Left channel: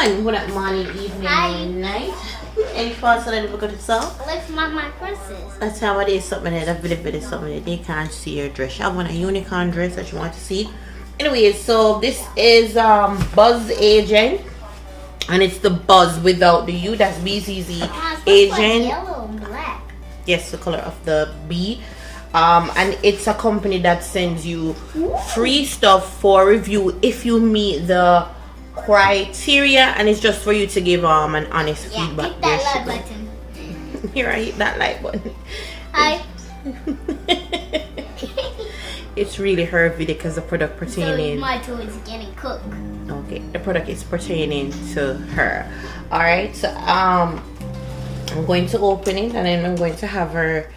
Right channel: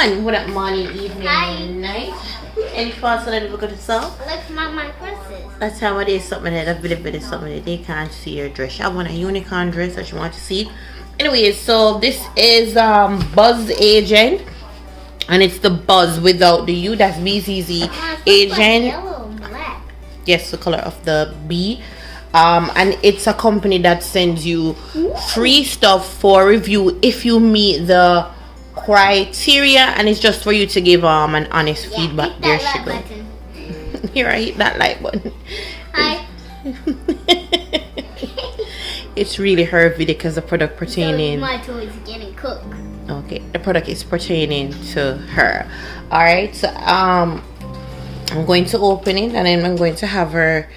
everyone. What up, morning, evening, night? Any thoughts that I never got to sell? Let's mark my princess. That's how it is. Something that a bit of something that they can't see your dress. I want a unicorn dress that you want to see. Anyways, so this is BzzAgent, and it's the Buzz without the U. That's BzzAgent. Like yellow and black. Yes, the color of the B. And it's a company that sends you free stuff for review if you meet the criteria, and it's just for you to give an honest feedback. Hit that like button. Here, I hit that like button. Hi. It's really her video because the product pertaining. So my toy is getting cooked. Okay, the product is pertaining to her. All right, so I'm going to open it, and then I'm going to have her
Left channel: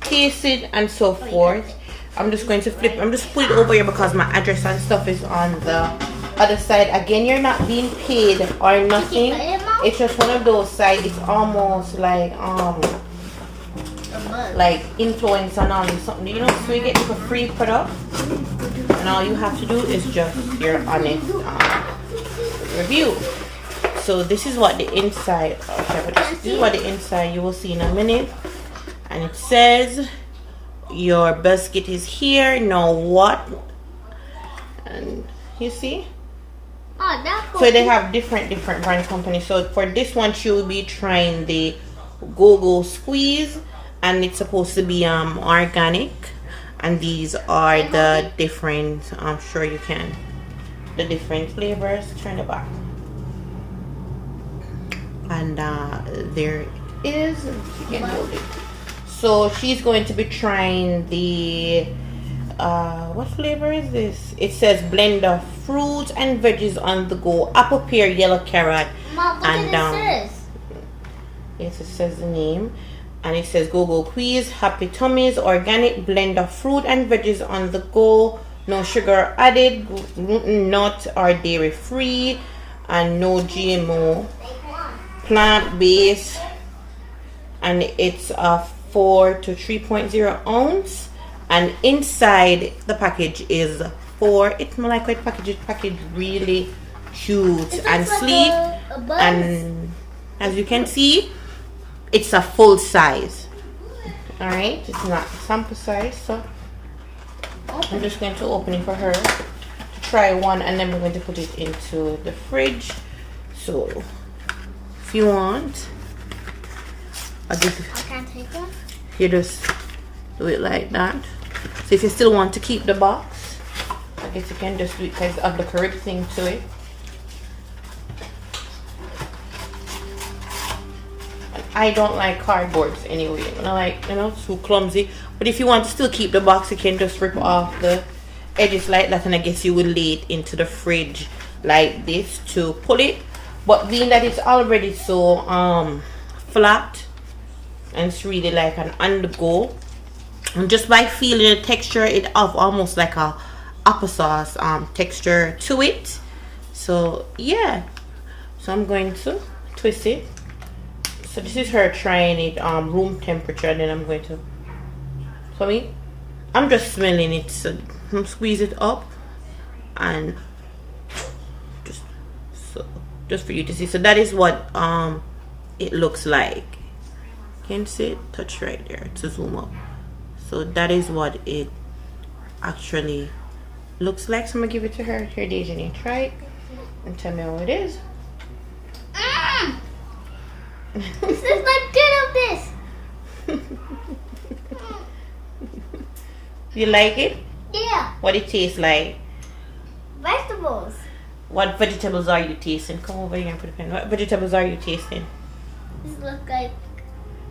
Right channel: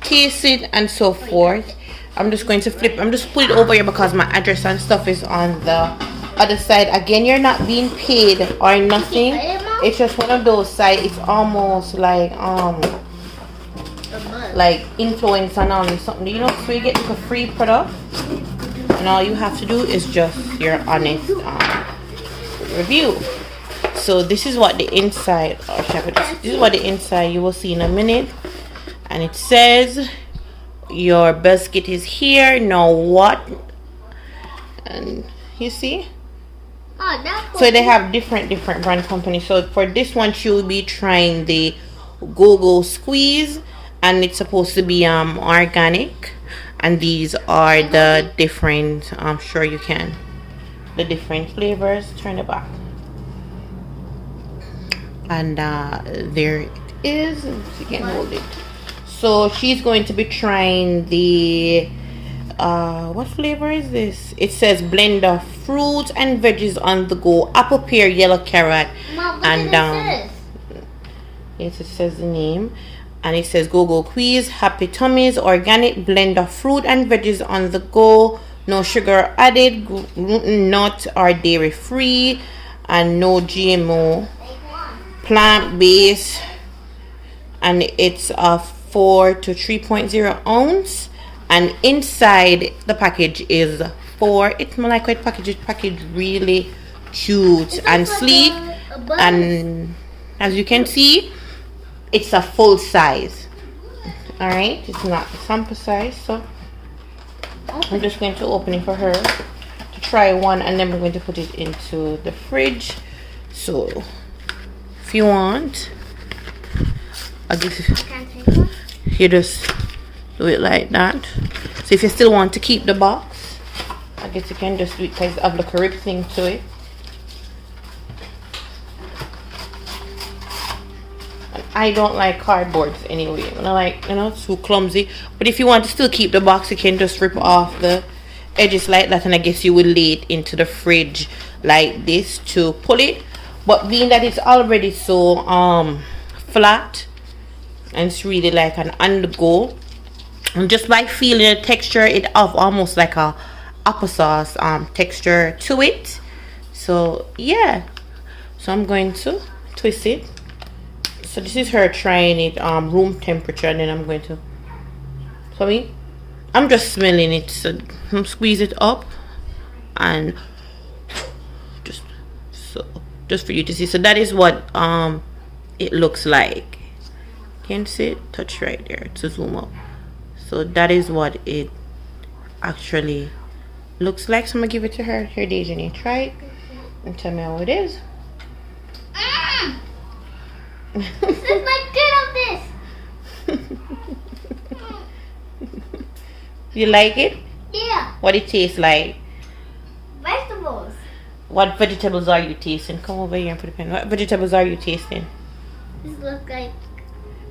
taste it and so forth. I'm just going to flip. I'm just put it over here because my address and stuff is on the other side. Again, you're not being paid or nothing. It's just one of those sites. It's almost like influence and all something, you know, so you get a free product and all you have to do is just your honest review. So this is what the inside, this is what the inside you will see in a minute, and it says your biscuit is here. Now what? And you see, so they have different brand companies. So for this one, she will be trying the GOGO SQUEEZ, and it's supposed to be organic, and these are the different, I'm sure you can, the different flavors. Turn it back, and there it is. You can hold it. So she's going to be trying the what flavor is this? It says blend of fruits and veggies on the go, apple, pear, yellow carrot. Mom, and yes, it says the name. And it says GOGO SQUEEZ, happy tummies, organic blend of fruit and veggies on the go, no sugar added, gluten, nut or dairy free, and no GMO, plant based, and it's a 4 to 3.0 ounce, and inside the package is 4. It's more like what package really cute and sleek, and as you can see, it's a full size. All right, it's not a sample size, so I'm just going to open it for her to try one, and then we're going to put it into the fridge. So if you want, I guess you just do it like that. So if you still want to keep the box, I guess you can just do it because of the correct thing to it. I don't like cardboards anyway. I like, you know, it's too clumsy. But if you want to still keep the box, you can just rip off the edges like that, and I guess you will lay it into the fridge like this to pull it. But being that it's already so flat, and it's really like an on the go, and just by feeling the texture, it have almost like a applesauce texture to it. So yeah, so I'm going to twist it. So this is her trying it room temperature, and then I'm going to, so I'm just smelling it. So squeeze it up, and just for you to see. So that is what it looks like. Can you see it? Touch right there to zoom up. So that is what it actually looks like. So I'm gonna give it to her. Here, Dejani, try it and tell me how it is. This is like good of this. You like it? Yeah. What it tastes like? Vegetables. What vegetables are you tasting? Come over here and put a pen. What vegetables are you tasting? This looks like.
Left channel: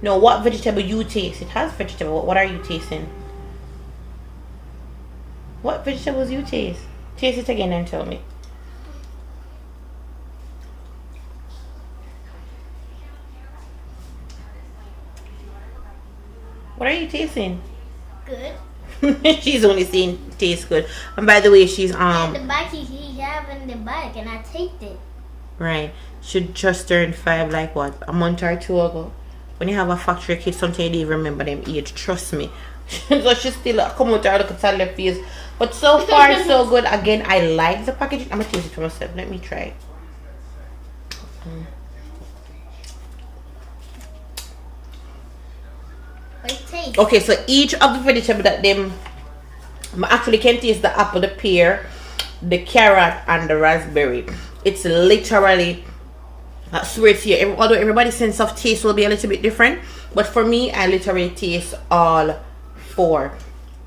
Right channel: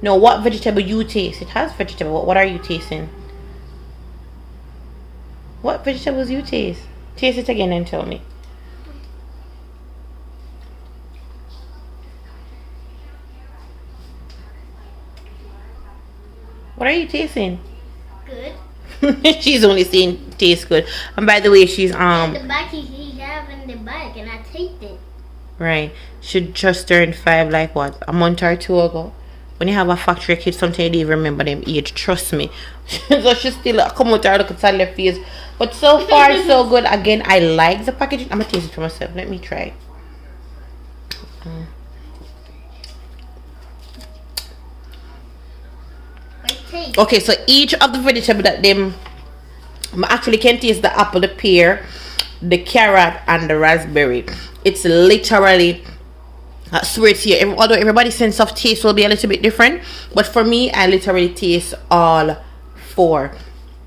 No, what vegetable you taste? It has vegetable. What are you tasting? What vegetables you taste? Taste it again and tell me. What are you tasting? Good. She's only saying tastes good. And by the way, she's And the bike he have in the bike, and I take it. Right. She just turned 5 like what, a month or 2 ago. When you have a factory kid, sometimes you don't even remember them age. Trust me. So she still come out there, look at her face. But so far so good. Again, I like the packaging. I'm gonna taste it for myself. Let me try it. Taste. Okay, so each of the vegetable that them actually can taste the apple, the pear, the carrot, and the raspberry. It's literally, I swear to you, although everybody's sense of taste will be a little bit different, but for me, I literally taste all 4.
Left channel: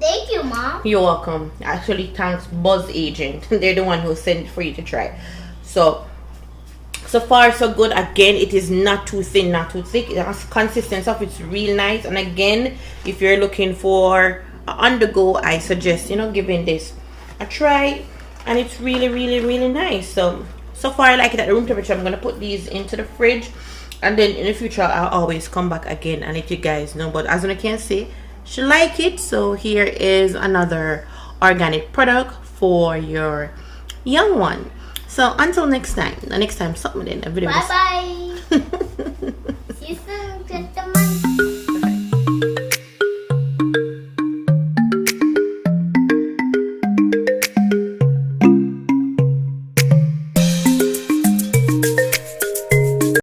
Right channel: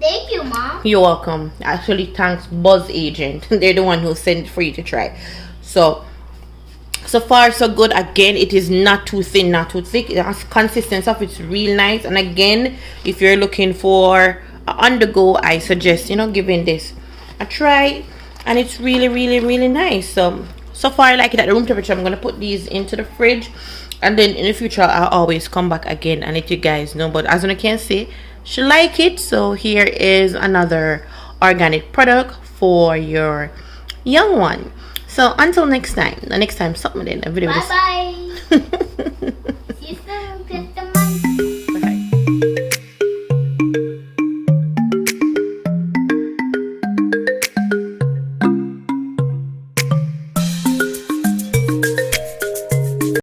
Thank you, Mom. You're welcome. Actually, thanks BzzAgent. They're the one who sent it for you to try. So far so good. Again, it is not too thin, not too thick. The consistency of it's real nice. And again, if you're looking for on the go, I suggest, you know, giving this a try. And it's really, really, really nice. So far I like it at room temperature. I'm gonna put these into the fridge, and then in the future I'll always come back again and let you guys know. But as you can see, she like it. So here is another organic product for your young one. So until next time, something in a video. Bye bye.